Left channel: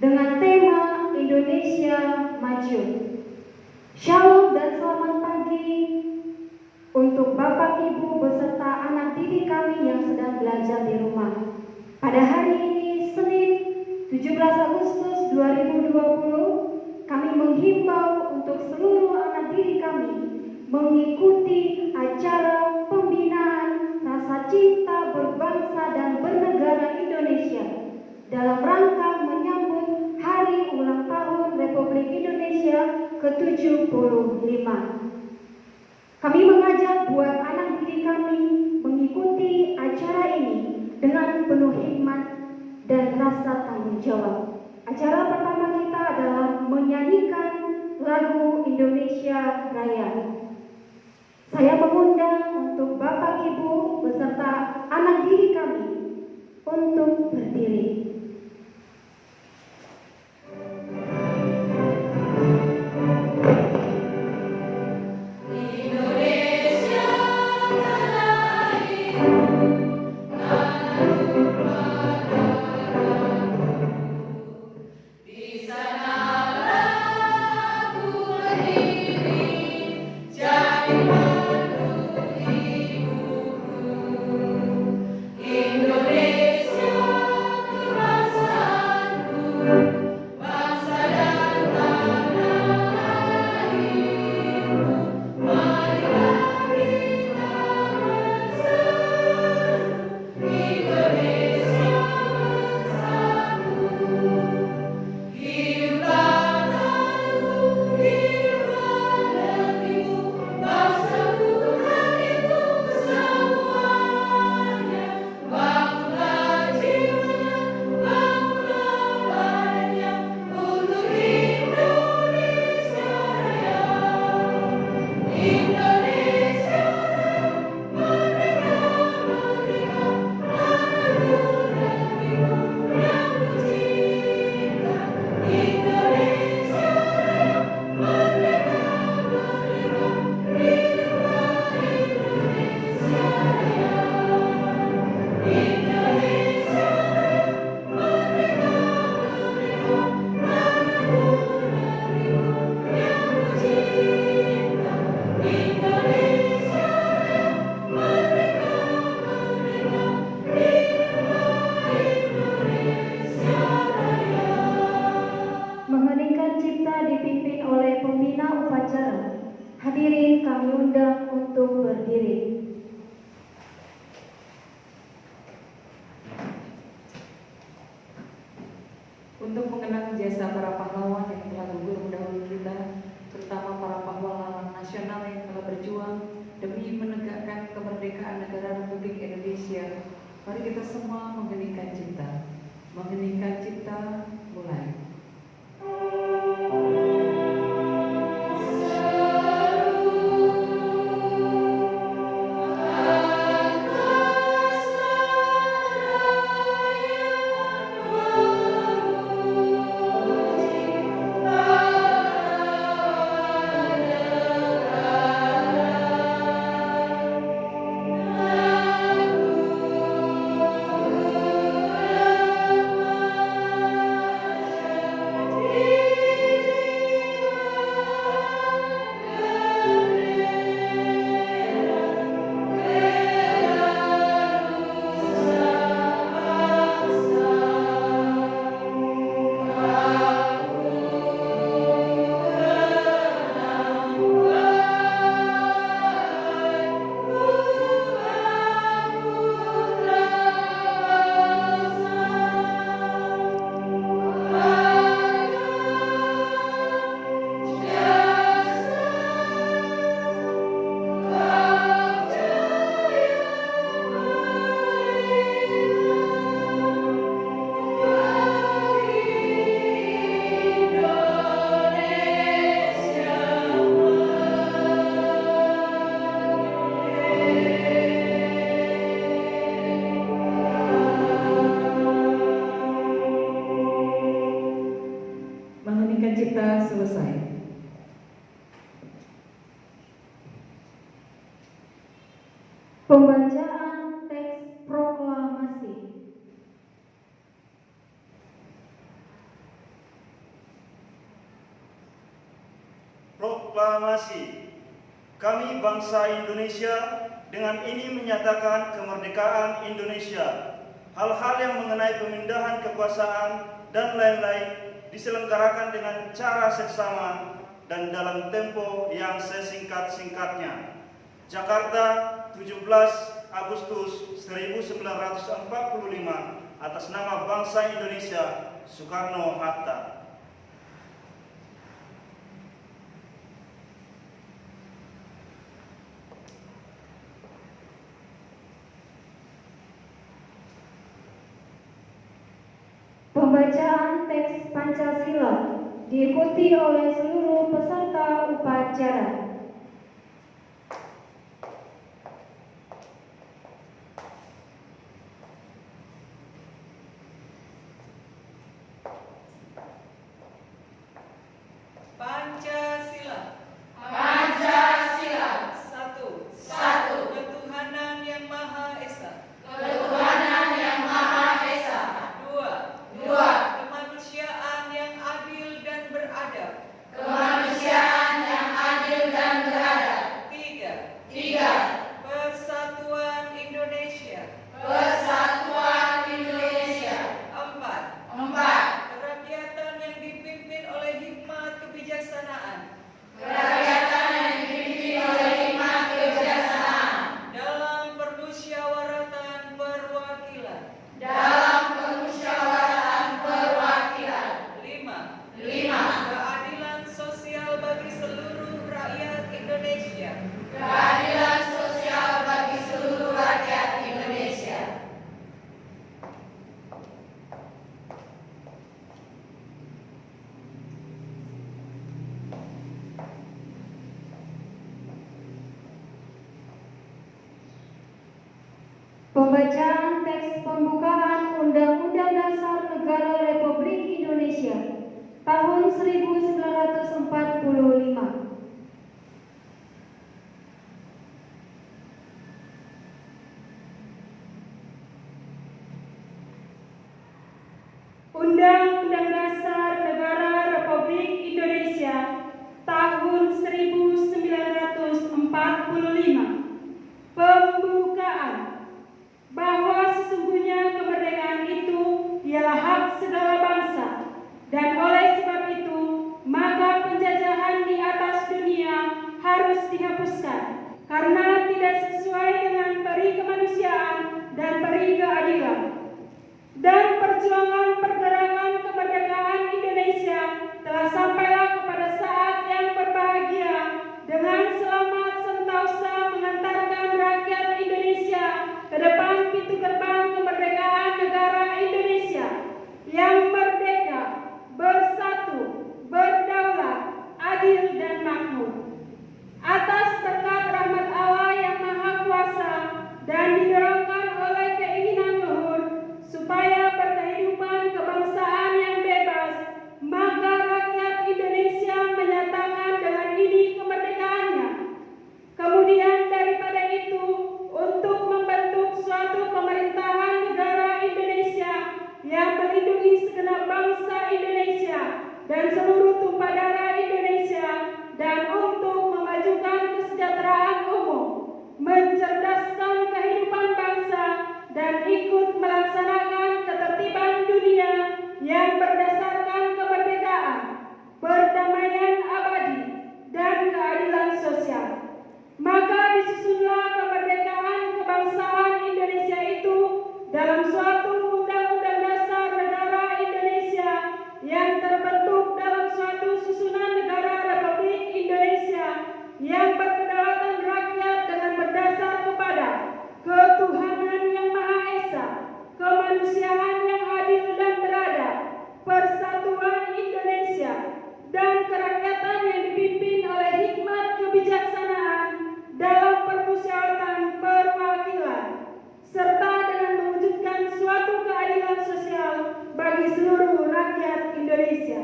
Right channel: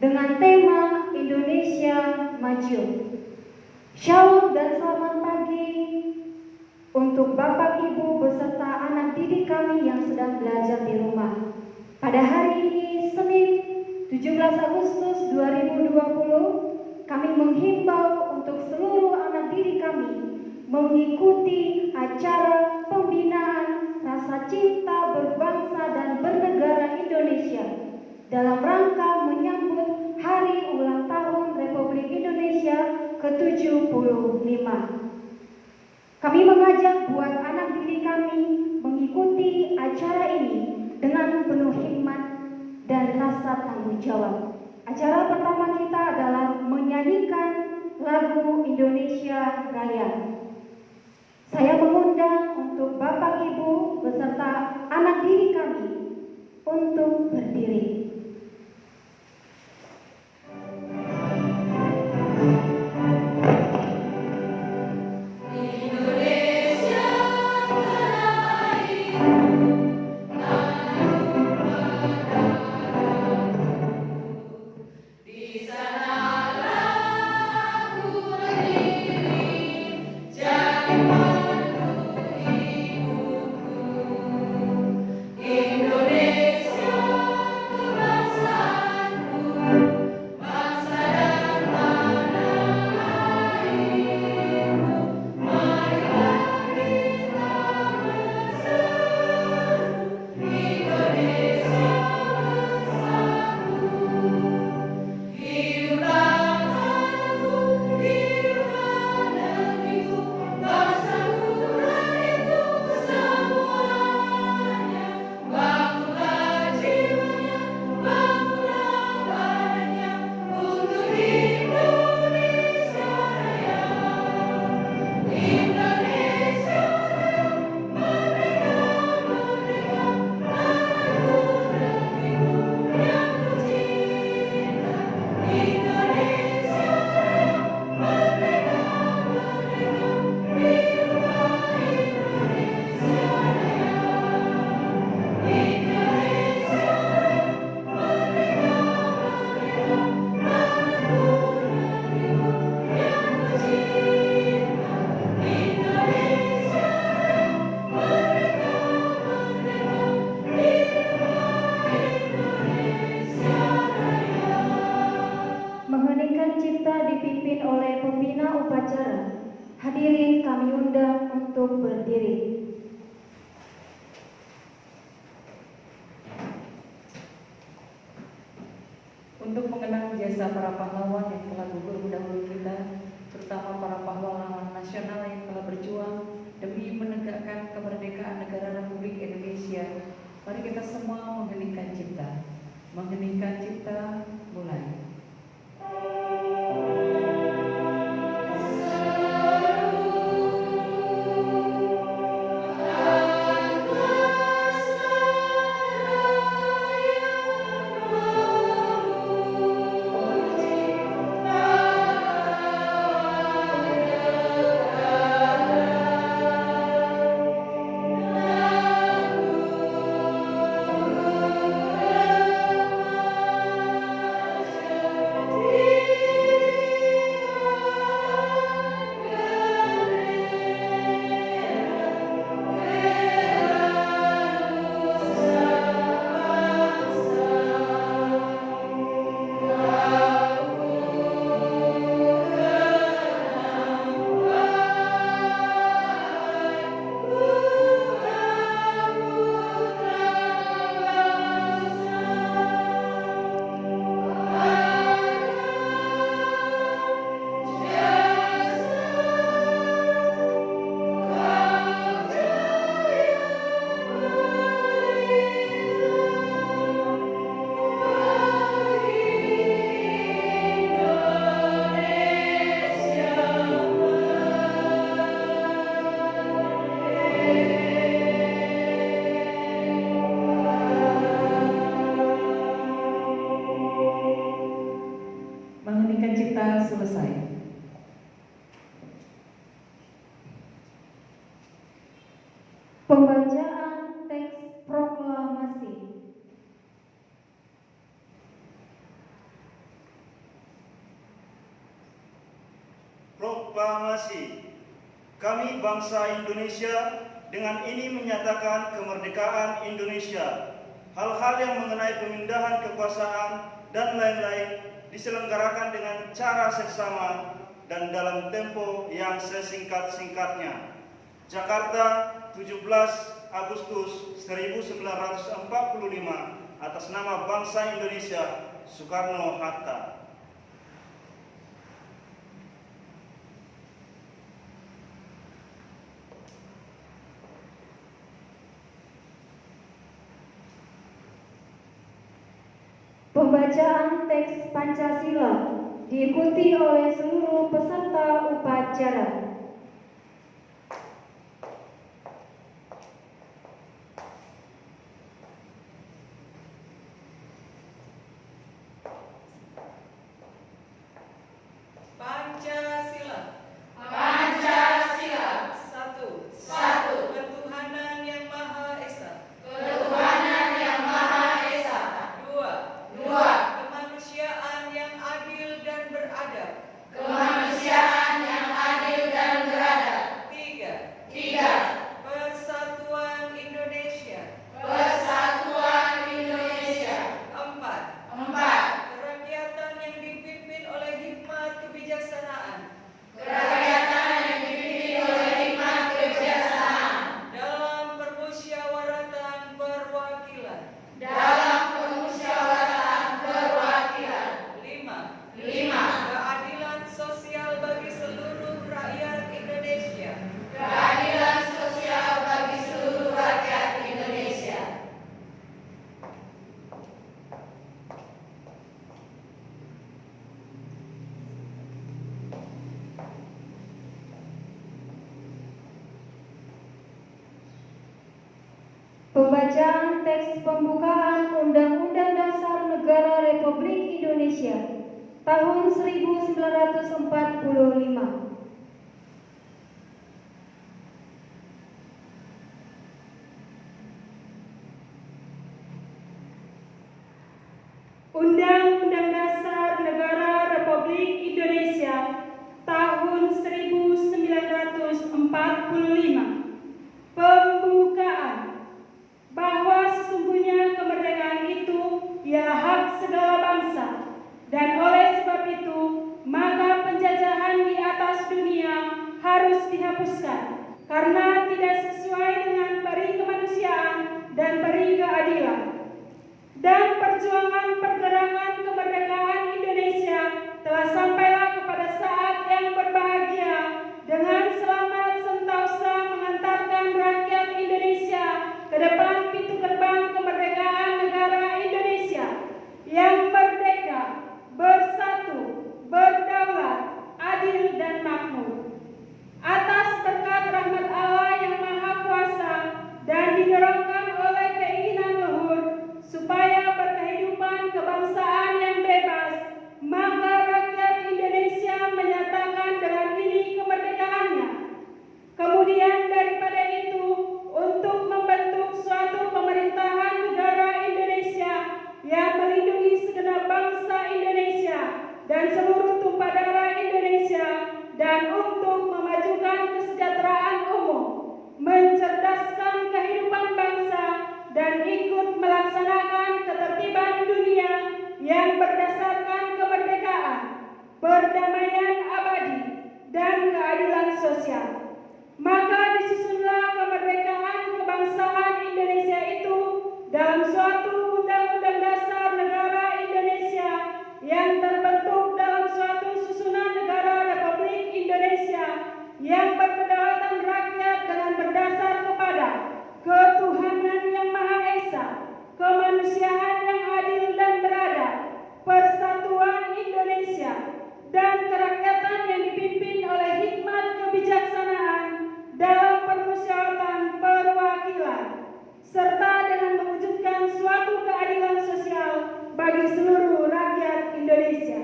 dengan tema Indonesia Maju. Shalom dan selamat pagi untuk Bapak Ibu beserta anak didik kami yang sedang belajar di rumah. Pada hari ini Senin 17 Agustus 2020, kami menghimbau untuk seluruh anak didik kami mengikuti acara pembinaan rasa cinta berbangsa dan bernegara Indonesia dalam rangka menyambut Hari Ulang Tahun Republik Indonesia ke-75. Kami mengajak buat anak didik kami mengikuti acara ini dengan penuh hikmat dan rasa tanggung jawab. Acara pertama kita adalah menyanyikan lagu Indonesia Raya. Saya mengundang untuk Bapak Ibu beserta anak didik kami untuk berdiri. Hadirin kami undang untuk berdiri. Untuk mengenang jasa para pahlawan yang telah gugur mendahului kita, terutama para pahlawan amanat nasional yang telah berjuang demi menegakkan kemerdekaan negara Republik Indonesia, mari kita semua mengheningkan cipta. Mengheningkan cipta, mulai. Pembacaan teks proklamasi. proklamasi. Kami bangsa Indonesia dengan ini menyatakan kemerdekaan Indonesia. Hal-hal yang mengenai pemindahan kekuasaan dan lain-lain diselenggarakan dengan cara seksama dan dalam tempo yang sesingkat-singkatnya. Jakarta, 17 Agustus 1945, atas nama bangsa Indonesia, Soekarno-Hatta. Pembacaan teks Pancasila diikuti oleh seluruh peserta upacara. Pancasila. Pancasila. Satu. Satu. Ketuhanan yang Maha Esa. Ketuhanan yang Maha Esa. Dua. Dua. Kemanusiaan yang adil dan beradab. Kemanusiaan yang adil dan beradab. Tiga. Tiga. Persatuan Indonesia. Persatuan Indonesia. Empat. Empat. Kerakyatan yang dipimpin oleh hikmat kebijaksanaan. Kerakyatan yang dipimpin oleh hikmat kebijaksanaan. Dalam permusyawaratan perwakilan. Dalam permusyawaratan perwakilan. Lima. Lima. Keadilan sosial bagi seluruh rakyat Indonesia. Keadilan sosial bagi seluruh rakyat Indonesia. Pembacaan teks pembukaan Undang-Undang Dasar Negara Republik Indonesia tahun 1945. Undang-Undang Dasar Negara Republik Indonesia tahun 1945. Pembukaan. Bahwa sesungguhnya kemerdekaan itu ialah hak segala bangsa, dan oleh sebab itu maka penjajahan di atas dunia harus dihapuskan karena tidak sesuai dengan peri kemanusiaan dan peri keadilan. Dan perjuangan pergerakan kemerdekaan Indonesia telah sampailah kepada saat yang berbahagia dengan selamat sentosa mengantarkan rakyat Indonesia ke depan pintu gerbang kemerdekaan negara Indonesia yang merdeka, bersatu, berdaulat, adil dan makmur. Atas berkat rahmat Allah yang Maha Kuasa dan didorongkan oleh keinginan luhur supaya berkehidupan kebangsaan yang bebas, maka rakyat Indonesia menyatakan dengan diri kemerdekaannya. Kemudian daripada itu, untuk membentuk suatu pemerintahan negara Indonesia yang melindungi segenap bangsa Indonesia dan seluruh tumpah darah Indonesia, dan untuk memajukan kesejahteraan umum, mencerdaskan kehidupan bangsa, dan ikut melaksanakan ketertiban dunia yang berdasarkan kemerdekaan, perdamaian abadi, dan keadilan sosial. Maka disusunlah kemerdekaan kebangsaan Indonesia itu dalam suatu Undang-Undang Dasar Negara Indonesia yang terbentuk dalam suatu susunan negara Republik Indonesia yang berkedaulatan rakyat dengan berdasar kepada ketuhanan yang Maha Esa, kemanusiaan yang adil dan beradab, persatuan Indonesia, dan kerakyatan yang dipimpin oleh hikmat kebijaksanaan dalam permusyawaratan perwakilan, serta dengan mewujudkan suatu keadilan sosial bagi seluruh rakyat Indonesia.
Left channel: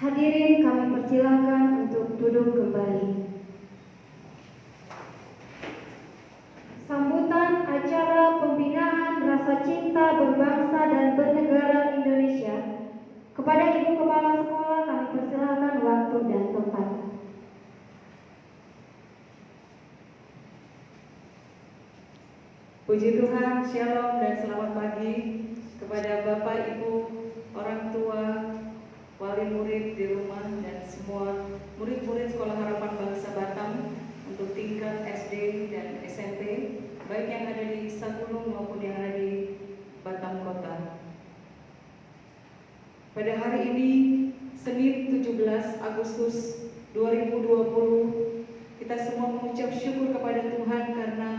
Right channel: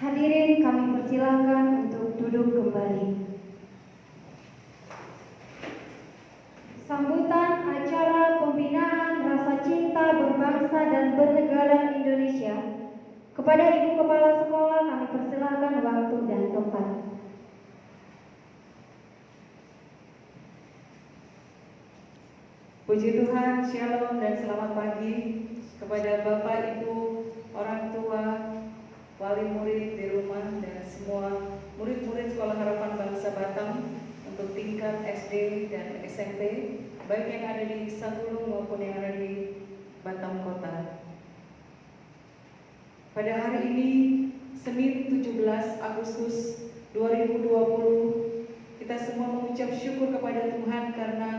Hadirin kami persilakan untuk duduk kembali. Sambutan acara pembinaan rasa cinta berbangsa dan bernegara Indonesia Puji Tuhan, Shalom dan selamat pagi kepada Bapak, Ibu, orang tua, wali murid di rumah, dan semua murid-murid Sekolah Harapan Bangsa Batam untuk tingkat SD dan SMP, baik yang ada di Satulung maupun yang ada di Batam Kota. Pada hari ini, Senin 17 Agustus 2020, kita semua mengucap syukur kepada Tuhan karena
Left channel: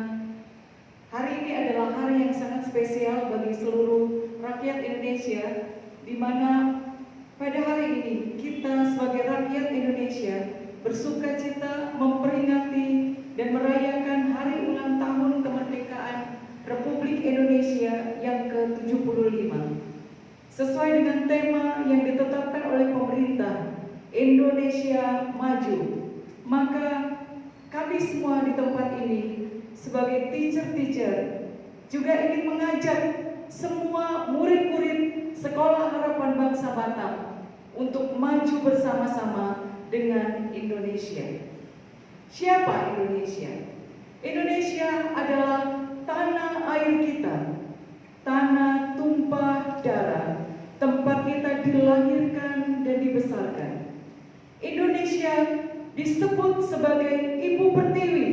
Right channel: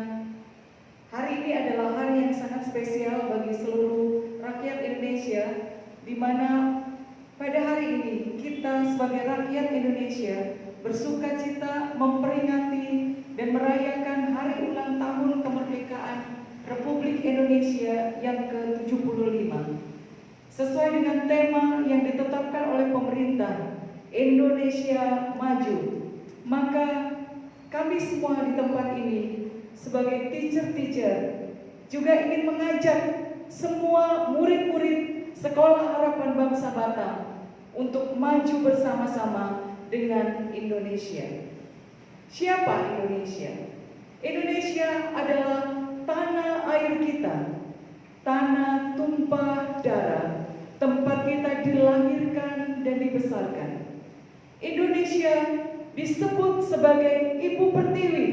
hari ini adalah hari yang sangat spesial bagi seluruh rakyat Indonesia, di mana pada hari ini kita sebagai rakyat Indonesia bersukacita memperingati dan merayakan hari ulang tahun kemerdekaan Republik Indonesia yang ke-75. Sesuai dengan tema yang ditetapkan oleh pemerintah, Indonesia Maju, maka kami semua di tempat ini sebagai teacher juga ingin mengajak semua murid-murid Sekolah Harapan Bangsa Batam untuk maju bersama-sama dengan Indonesia. Siapa Indonesia? Indonesia adalah tanah air kita, tanah tumpah darah, tempat kita dilahirkan dan dibesarkan. Indonesia disebut sebagai Ibu Pertiwi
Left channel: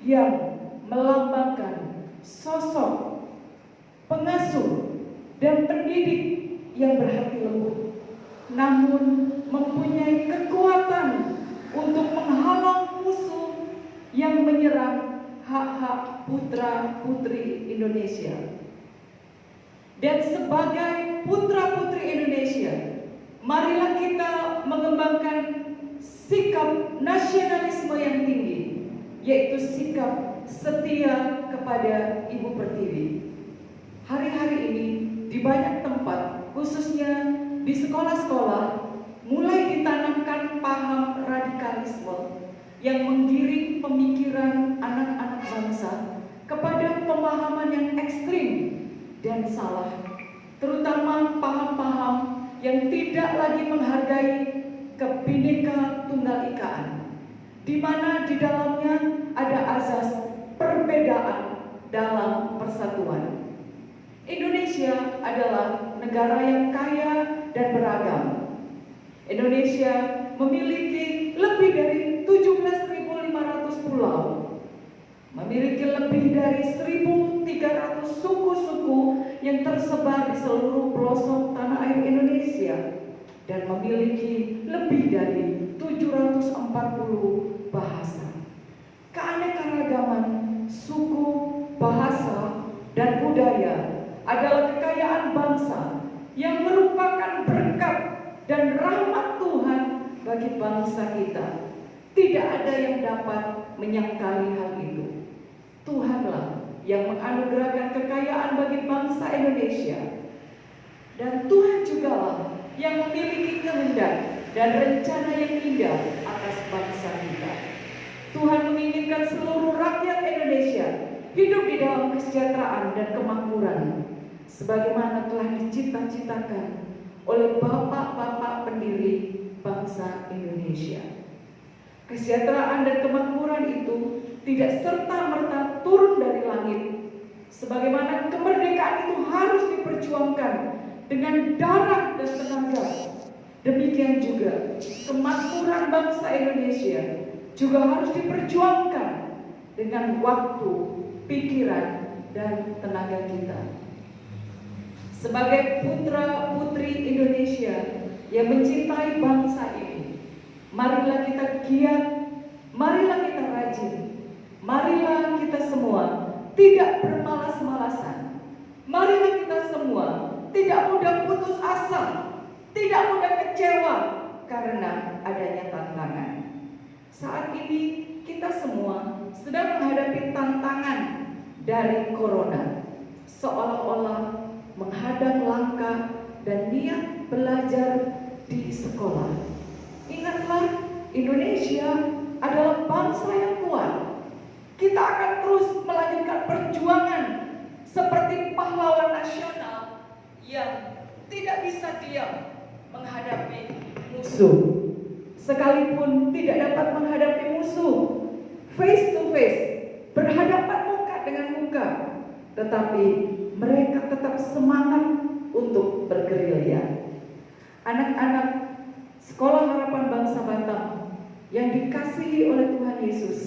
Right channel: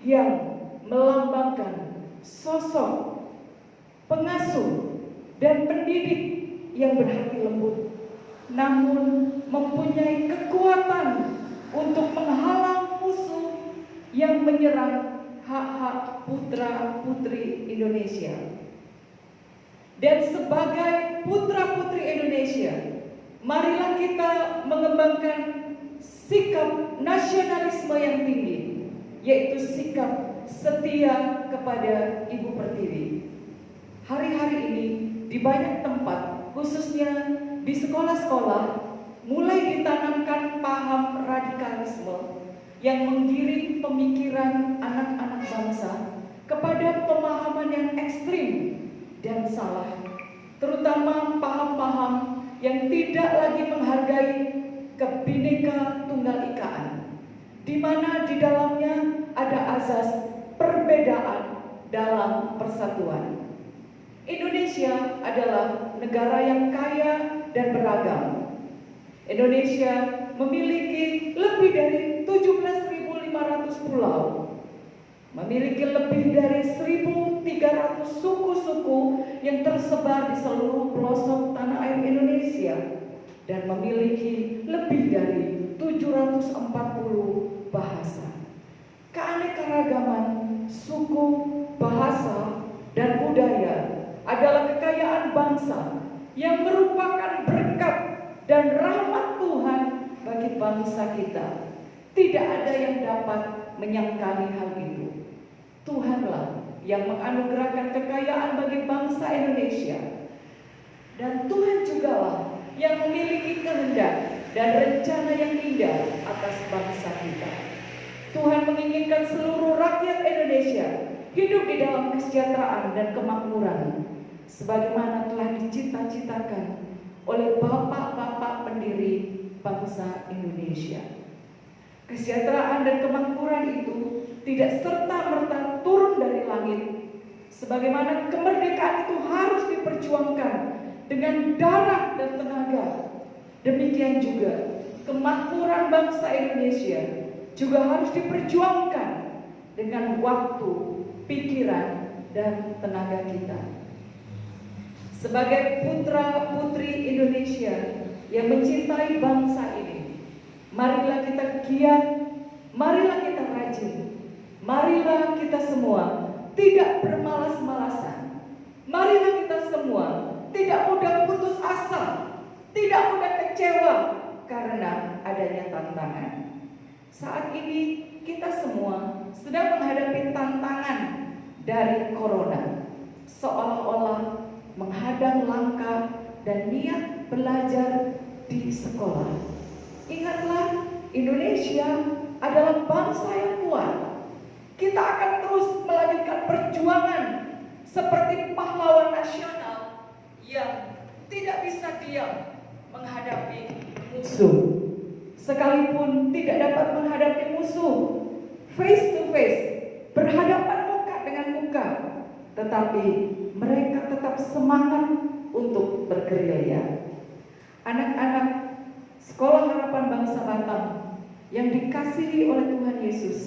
yang melambangkan sosok pengasuh dan pendidik yang berhati lembut, namun mempunyai kekuatan untuk menghalang musuh yang menyerang hak-hak putra-putri Indonesia. Dan sebagai putra-putri Indonesia, marilah kita mengembangkan sikap nasionalisme yang tinggi, yaitu sikap setia kepada Ibu Pertiwi. Hari-hari ini di banyak tempat, khususnya di sekolah-sekolah, mulai ditanamkan paham radikalisme yang menggiring pemikiran anak-anak bangsa kepada pemahaman yang ekstrim dan salah, terutama paham-paham yang tidak lagi menghargai Kebhinneka Tunggal Ikaan, di mana di dalamnya ada azas perbedaan dalam persatuan. Indonesia adalah negara yang kaya dan beragam. Indonesia memiliki lebih dari 17.500 pulau, memiliki lebih dari 1.300 suku-suku yang tersebar di seluruh pelosok tanah air Indonesia, dan memiliki lebih dari 740 bahasa. Keanekaragaman suku, bahasa, dan budaya adalah kekayaan bangsa yang merupakan berkat dan rahmat Tuhan bagi bangsa kita. Tidak ada yang dapat menyangkali hal itu. Tuhanlah yang menganugerahkan kekayaan bagi bangsa Indonesia, dan Tuhan jugalah yang memiliki kehendak dan rencana yang indah atas bangsa kita. Tuhan menginginkan seluruh rakyat Indonesia hidup di dalam kesejahteraan dan kemakmuran, sebagaimana telah dicita-citakan oleh bapak-bapak pendiri bangsa Indonesia. Kesejahteraan dan kemakmuran itu tidak serta-merta turun dari langit, sebagaimana kemerdekaan itu harus diperjuangkan dengan darah dan tenaga. Demikian juga kemakmuran bangsa Indonesia juga harus diperjuangkan dengan waktu, pikiran, dan tenaga kita. Sebagai putra-putri Indonesia yang mencintai bangsa ini, marilah kita giat, marilah kita rajin, marilah kita semua tidak bermalas-malasan, marilah kita semua tidak mudah putus asa, tidak mudah kecewa karena adanya tantangan. Saat ini kita semua sedang menghadapi tantangan dari corona, seolah-olah menghadang langkah dan niat belajar di sekolah. Ingatlah, Indonesia adalah bangsa yang kuat. Kita akan terus melanjutkan perjuangan seperti pahlawan nasional yang tidak bisa diam menghadapi musuh. Sekalipun tidak dapat menghadapi musuh face to face, berhadapan muka dengan muka, tetapi mereka tetap semangat untuk bergerilya. Anak-anak Sekolah Harapan Bangsa Batam yang dikasihi oleh Tuhan Yesus,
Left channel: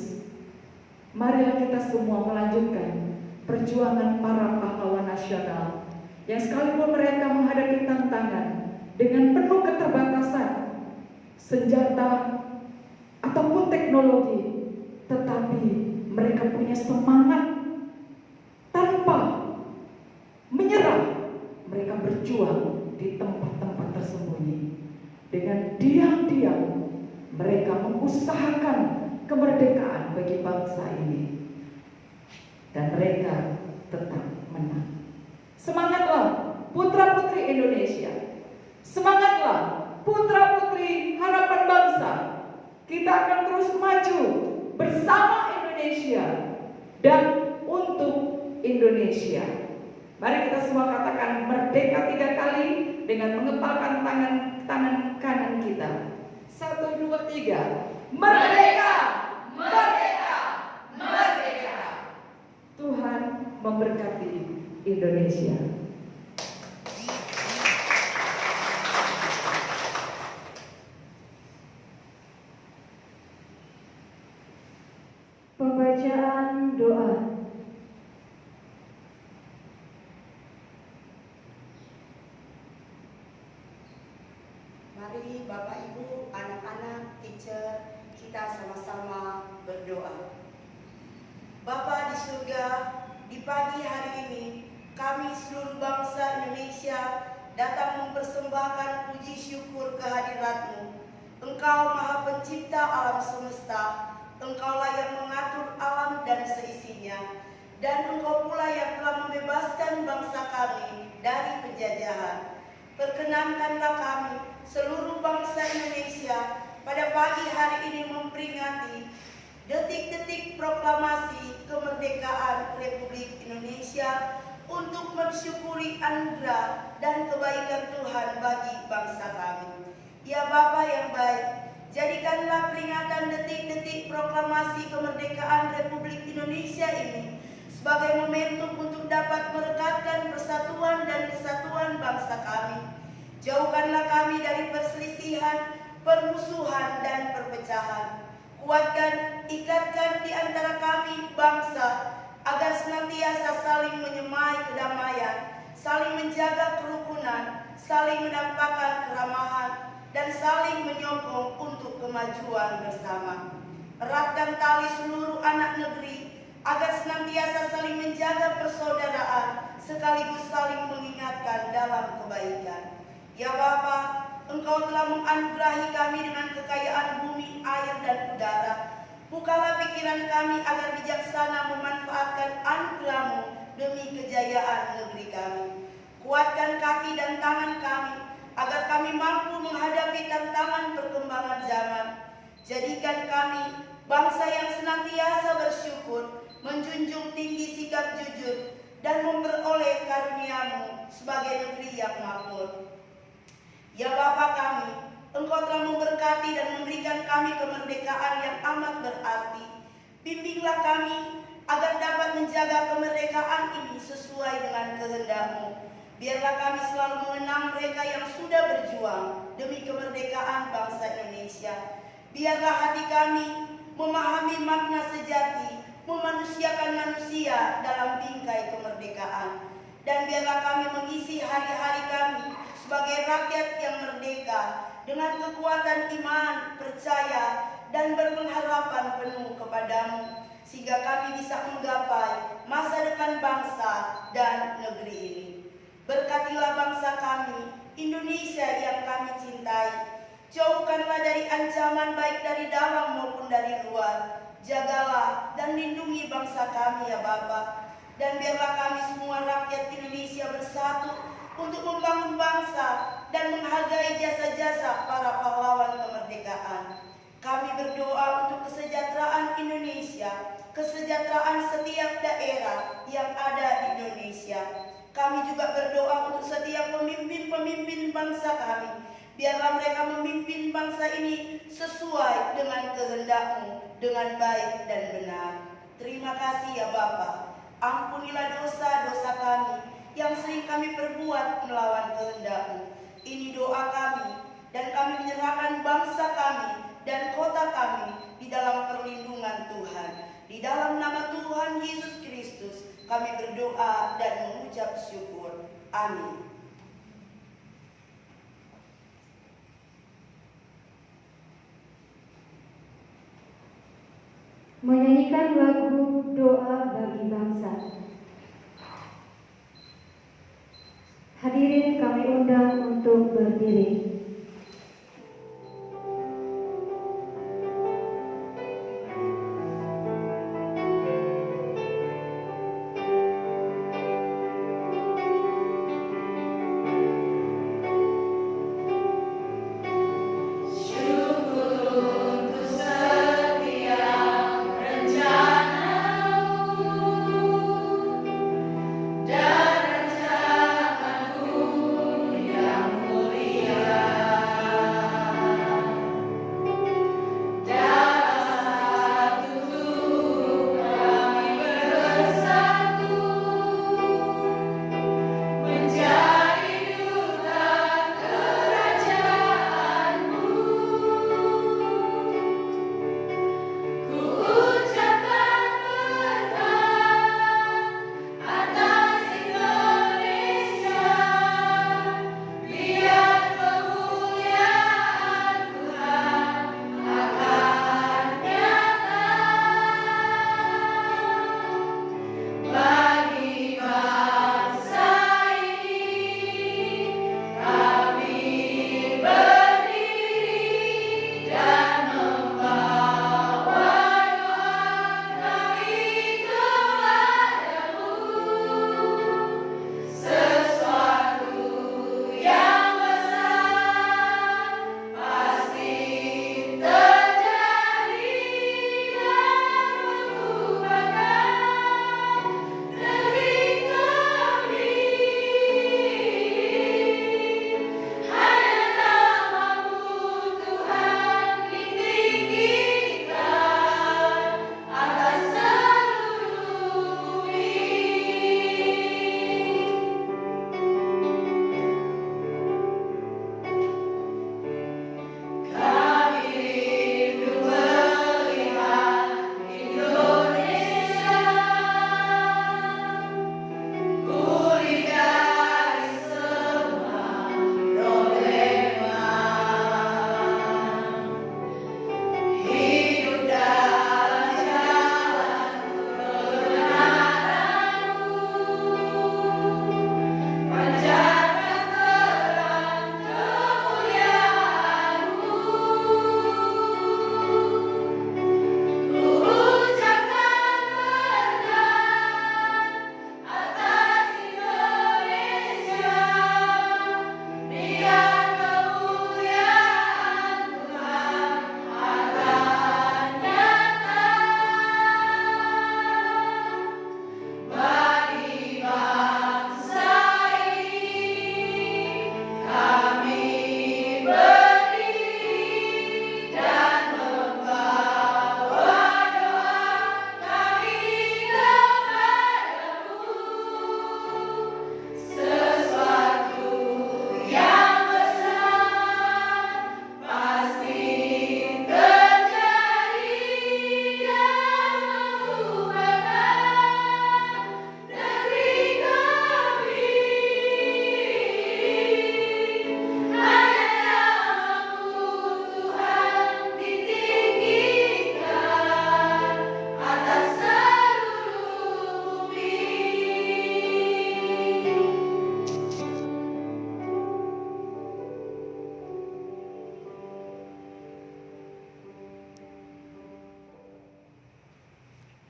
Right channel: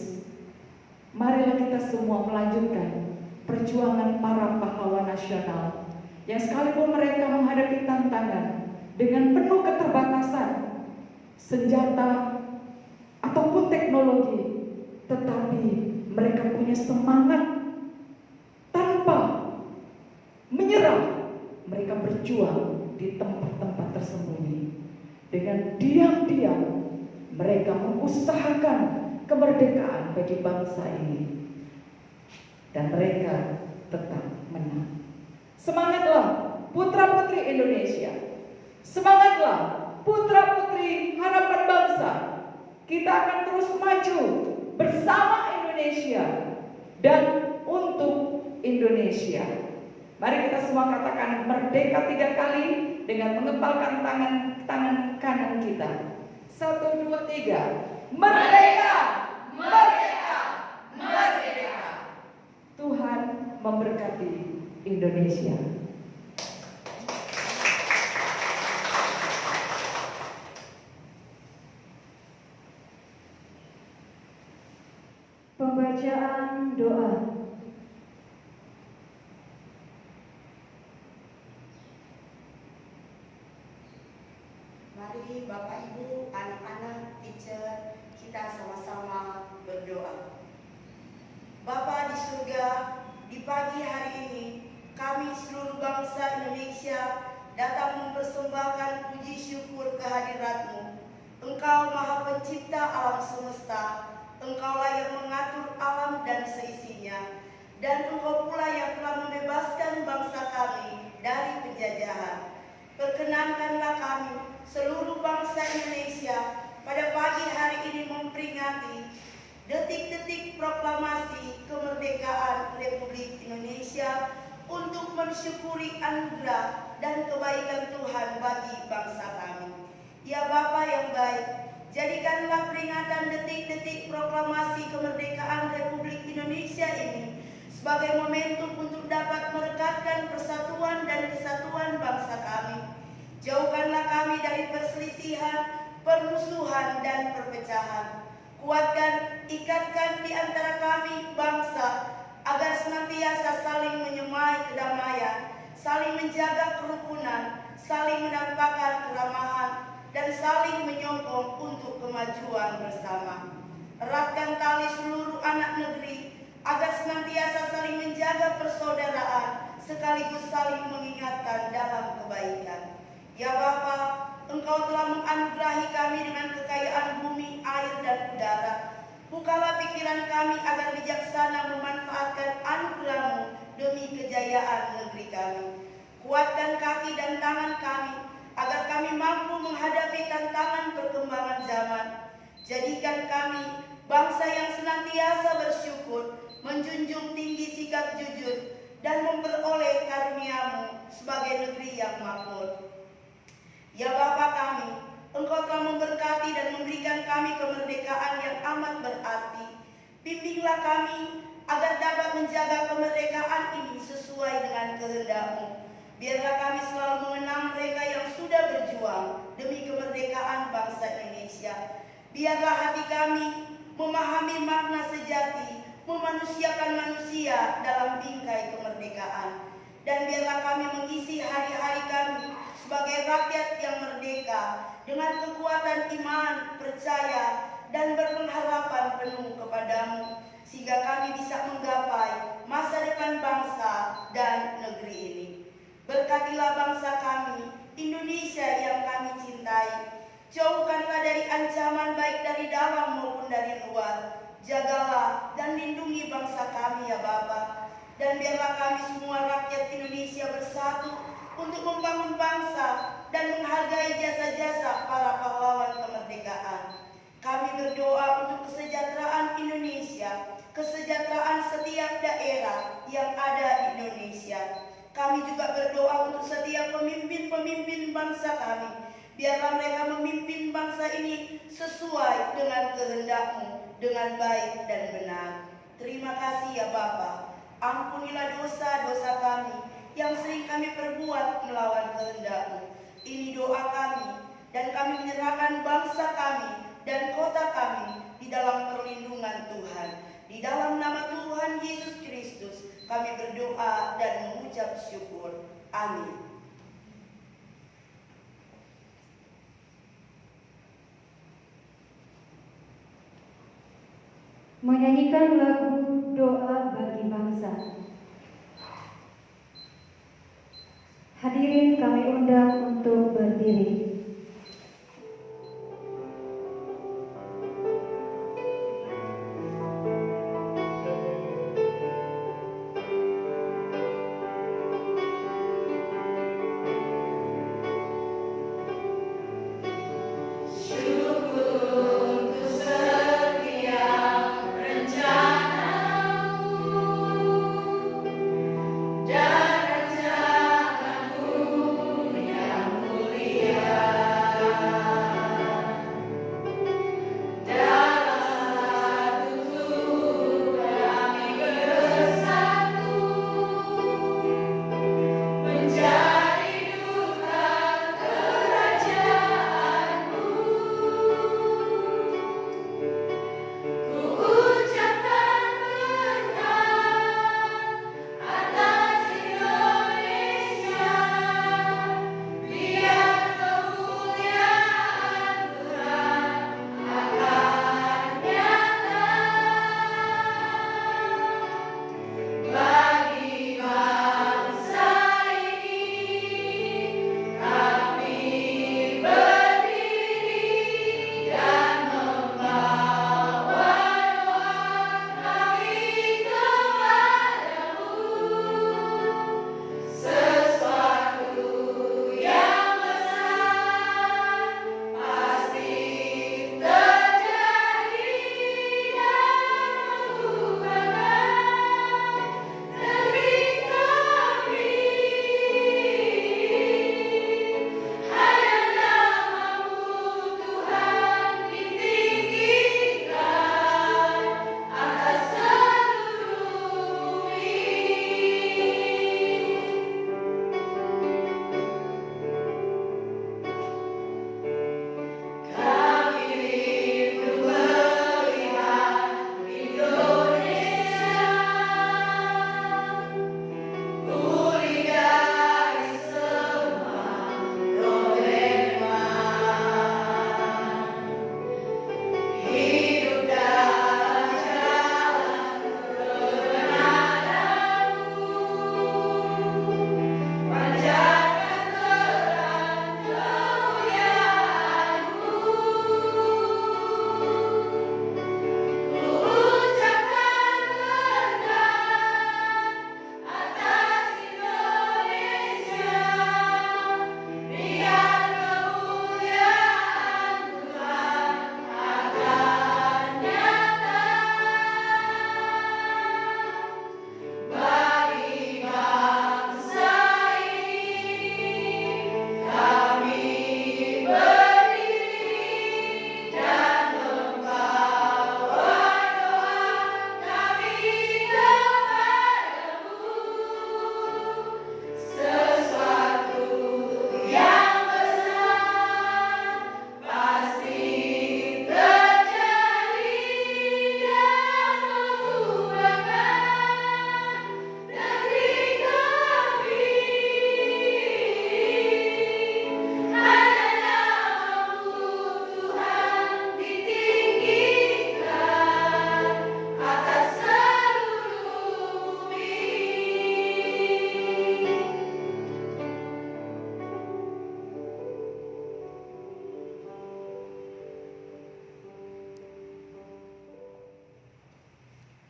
marilah kita semua melanjutkan perjuangan para pahlawan nasional yang sekalipun mereka menghadapi tantangan dengan penuh keterbatasan senjata ataupun teknologi, tetapi mereka punya semangat tanpa menyerah. Mereka berjuang di tempat-tempat tersembunyi. Dengan diam-diam mereka mengusahakan kemerdekaan bagi bangsa ini, dan mereka tetap menang. Semangatlah putra-putri Indonesia, semangatlah putra-putri harapan bangsa. Kita akan terus maju bersama Indonesia dan untuk Indonesia. Mari kita semua katakan merdeka 3 kali dengan mengepalkan tangan kanan kita. 1, 2, 3. Merdeka! Merdeka! Merdeka! Tuhan memberkati Indonesia. Pembacaan doa. Mari Bapak Ibu, anak-anak, teacher, kita sama-sama berdoa. Bapa di surga, di pagi hari ini kami seluruh bangsa Indonesia datang mempersembahkan puji syukur kehadirat-Mu. Engkau Maha Pencipta alam semesta, Engkaulah yang mengatur alam dan seisinya, dan Engkau pula yang telah membebaskan bangsa kami dari penjajahan. Perkenankanlah kami seluruh bangsa Indonesia pada pagi hari ini memperingati detik-detik proklamasi kemerdekaan Republik Indonesia untuk mensyukuri anugerah dan kebaikan Tuhan bagi bangsa kami. Ya Bapa yang baik, jadikanlah peringatan detik-detik proklamasi kemerdekaan Republik Indonesia ini sebagai momentum untuk dapat merekatkan persatuan dan kesatuan bangsa kami. Jauhkanlah kami dari perselisihan, permusuhan, dan perpecahan. Kuatkan, ikatkan di antara kami bangsa agar senantiasa saling menyemai kedamaian, saling menjaga kerukunan, saling menampakkan keramahan, dan saling menyokong untuk kemajuan bersama. Eratkan tali seluruh anak negeri agar senantiasa saling menjaga persaudaraan sekaligus saling mengingatkan dalam kebaikan. Ya Bapa, Engkau telah menganugerahi kami dengan kekayaan bumi, air, dan udara. Bukalah pikiran kami agar bijaksana memanfaatkan anugerah-Mu demi kejayaan negeri kami. Kuatkan kaki dan tangan kami agar kami mampu menghadapi tantangan perkembangan zaman. Jadikan kami bangsa yang senantiasa bersyukur, menjunjung tinggi sikap jujur, dan memperoleh karunia-Mu sebagai negeri yang makmur. Ya Bapa kami, Engkau telah memberkati dan memberikan kami kemerdekaan yang amat berarti. Bimbinglah kami agar dapat menjaga kemerdekaan ini sesuai dengan kehendak-Mu. Biarlah kami selalu mengenang mereka yang sudah berjuang demi kemerdekaan bangsa Indonesia. Biarlah hati kami memahami makna sejati, memanusiakan manusia dalam bingkai kemerdekaan. Dan biarlah kami mengisi hari-hari kami sebagai rakyat yang merdeka dengan kekuatan iman, percaya, dan berpengharapan penuh kepadamu, sehingga kami bisa menggapai masa depan bangsa dan negeri ini. Berkatilah bangsa kami, Indonesia yang kami cintai. Jauhkanlah dari ancaman baik dari dalam maupun dari luar. Jagalah dan lindungi bangsa kami ya Bapa. Dan biarlah kami semua rakyat Indonesia bersatu untuk membangun bangsa dan menghargai jasa-jasa para pahlawan kemerdekaan. Kami berdoa untuk kesejahteraan Indonesia, kesejahteraan setiap daerah yang ada di Indonesia. Kami juga berdoa untuk setiap pemimpin-pemimpin bangsa kami. Biarlah mereka memimpin bangsa ini sesuai dengan kehendak-Mu, dengan baik dan benar. Terima kasih ya Bapa. Ampunilah dosa-dosa kami yang sering kami perbuat melawan kehendak-Mu. Ini doa kami, dan kami menyerahkan bangsa kami dan kota kami di dalam perlindungan Tuhan. Di dalam nama Tuhan Yesus Kristus kami berdoa dan mengucap syukur. Amin. Menyanyikan lagu doa bagi bangsa. Hadirin kami undang untuk berdiri.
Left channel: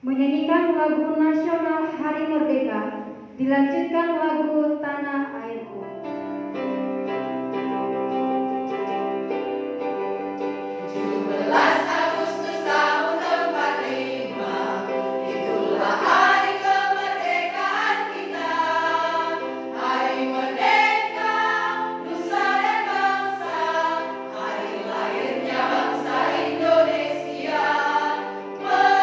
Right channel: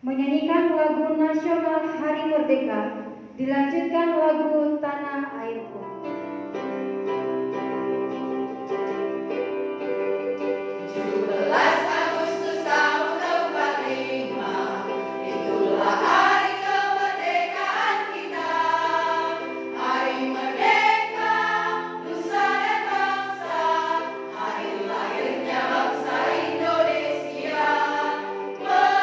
Menyanyikan lagu nasional Hari Merdeka, dilanjutkan lagu Tanah Airku. 17 Agustus tahun 45, itulah hari kemerdekaan kita. Hari merdeka, nusa dan bangsa, hari lahirnya bangsa Indonesia. Merdeka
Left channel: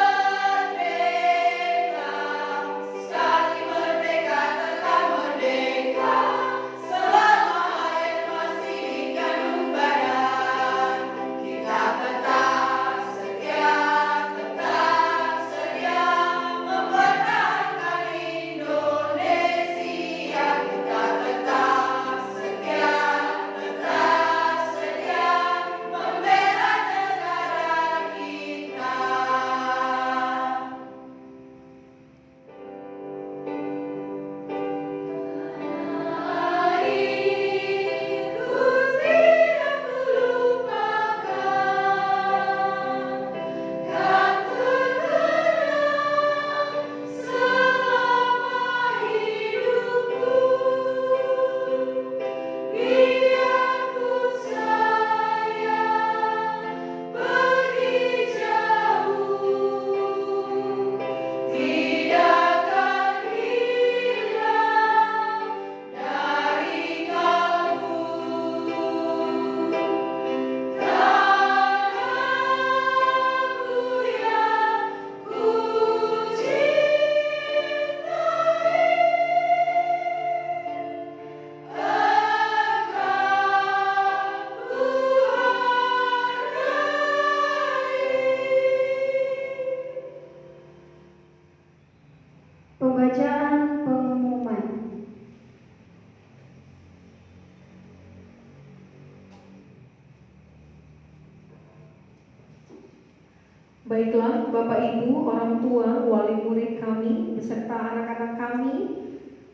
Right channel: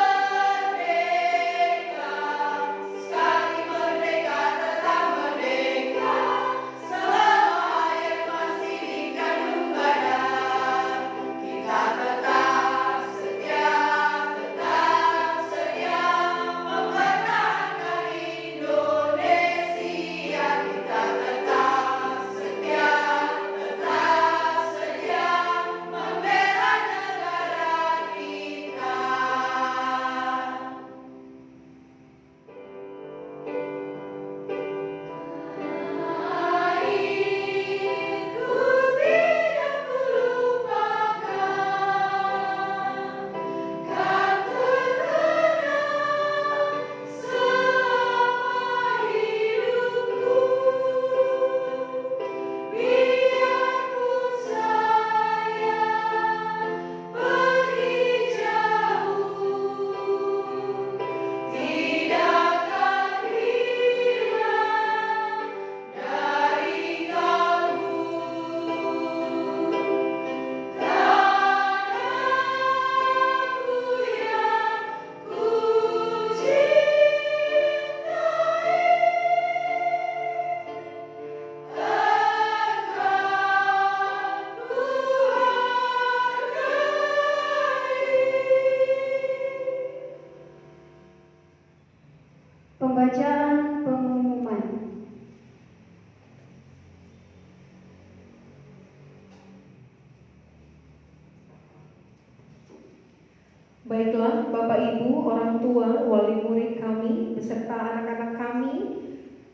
Baiklah, Bapak Ibu, orang tua, wali murid kami, beserta anak-anak kami,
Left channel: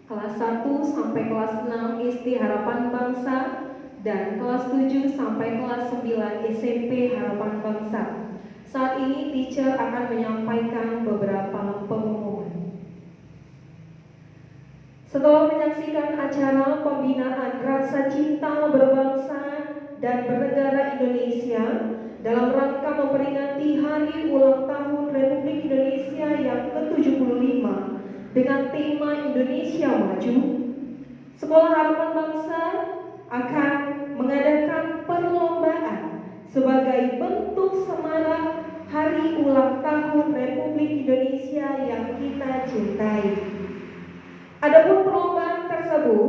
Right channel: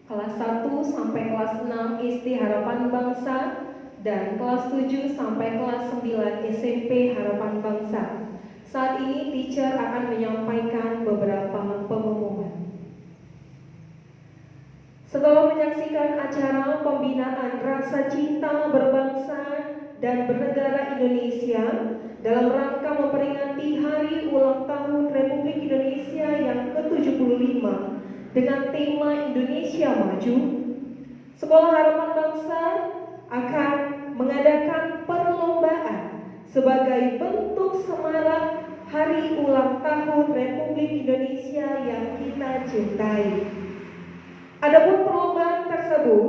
kelas 1 sampai kelas 6 SD Harapan Bangsa, dan kelas 7 sampai kelas 9 SMP Harapan Bangsa. Saat ini teacher akan menyampaikan beberapa pengumuman. Setelah menyaksikan acara pembinaan rasa cinta berbangsa dan bernegara Indonesia dalam rangka memperingati Hari Ulang Tahun Republik Indonesia yang ke-75 dengan tema Indonesia Maju, Sekolah Harapan Bangsa akan mengadakan perlombaan sebagai bentuk semarak Hari Ulang Tahun Republik Indonesia yang kita cintai. Adapun perlombaan tersebut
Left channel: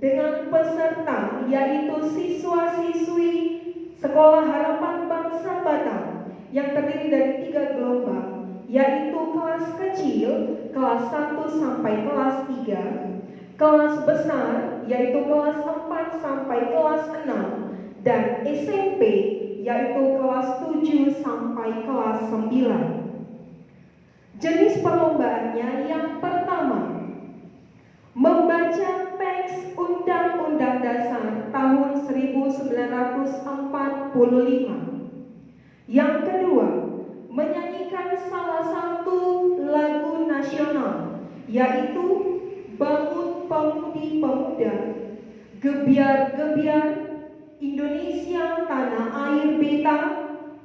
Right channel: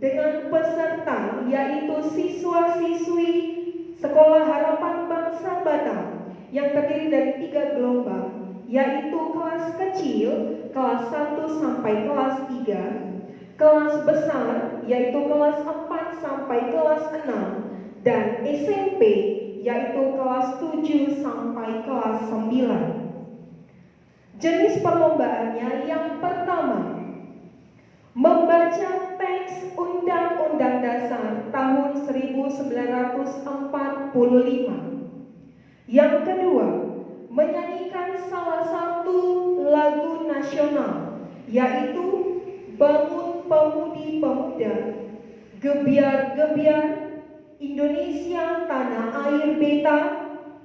dengan peserta yaitu siswa-siswi Sekolah Harapan Bangsa Batam yang terdiri dari 3 gelombang, yaitu kelas kecil kelas 1 sampai kelas 3, kelas besar yaitu kelas 4 sampai kelas 6, dan SMP yaitu kelas 7 sampai kelas 9. Jenis perlombaannya yang pertama, membaca teks Undang-Undang Dasar tahun 1945. Yang kedua, menyanyikan salah satu lagu nasional, yaitu Bangun Pemudi Pemuda, Gebiar-gebiar, Indonesia Tanah Air Beta,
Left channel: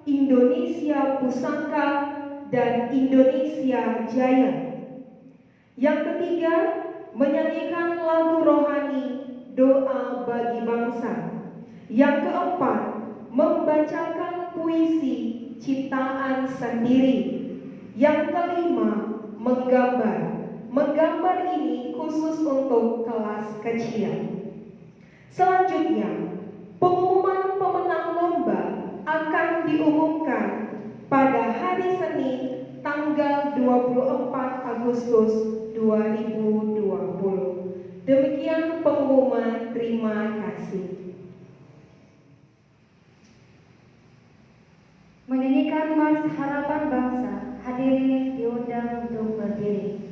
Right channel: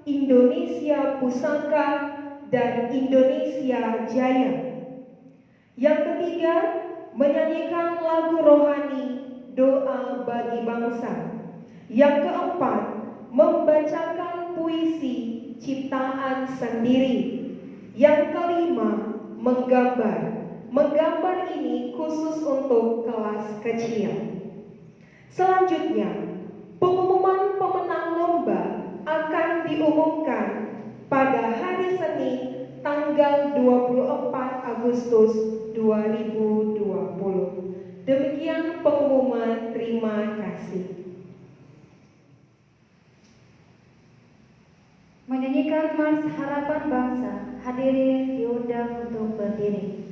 Indonesia Pusaka, dan Indonesia Jaya. Yang ketiga, menyanyikan lagu rohani Doa Bagi Bangsa. Yang keempat, membacakan puisi ciptaan sendiri. Yang kelima, menggambar. Menggambar ini khusus untuk kelas kecil. Selanjutnya, pengumuman pemenang lomba akan diumumkan pada hari Senin tanggal 24 Agustus 2020. Demikian pengumuman, terima kasih. Menyanyikan Mars Harapan Bangsa, hadirin diundang untuk berdiri.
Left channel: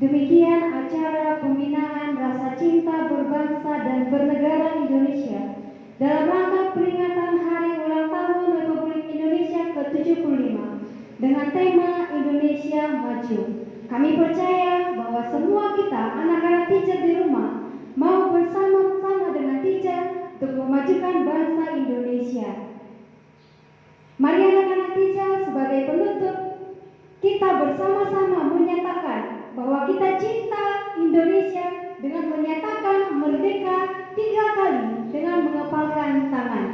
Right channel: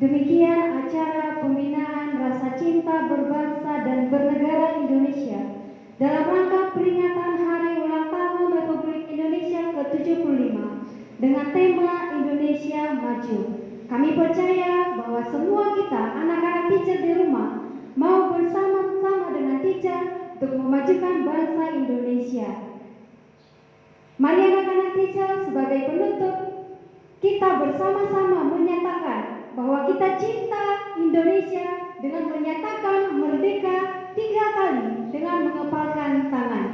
Demikian acara pembinaan rasa cinta berbangsa dan bernegara Indonesia dalam rangka peringatan Hari Ulang Tahun Republik Indonesia ke-75 dengan tema Indonesia Maju. Kami percaya bahwa semua kita, anak-anak teacher di rumah, mau bersama-sama dengan teacher untuk memajukan bangsa Indonesia. Mari anak-anak teacher, sebagai penutup, kita bersama-sama menyatakan bahwa kita cinta Indonesia dengan menyatakan merdeka 3 kali dengan mengepalkan tangan.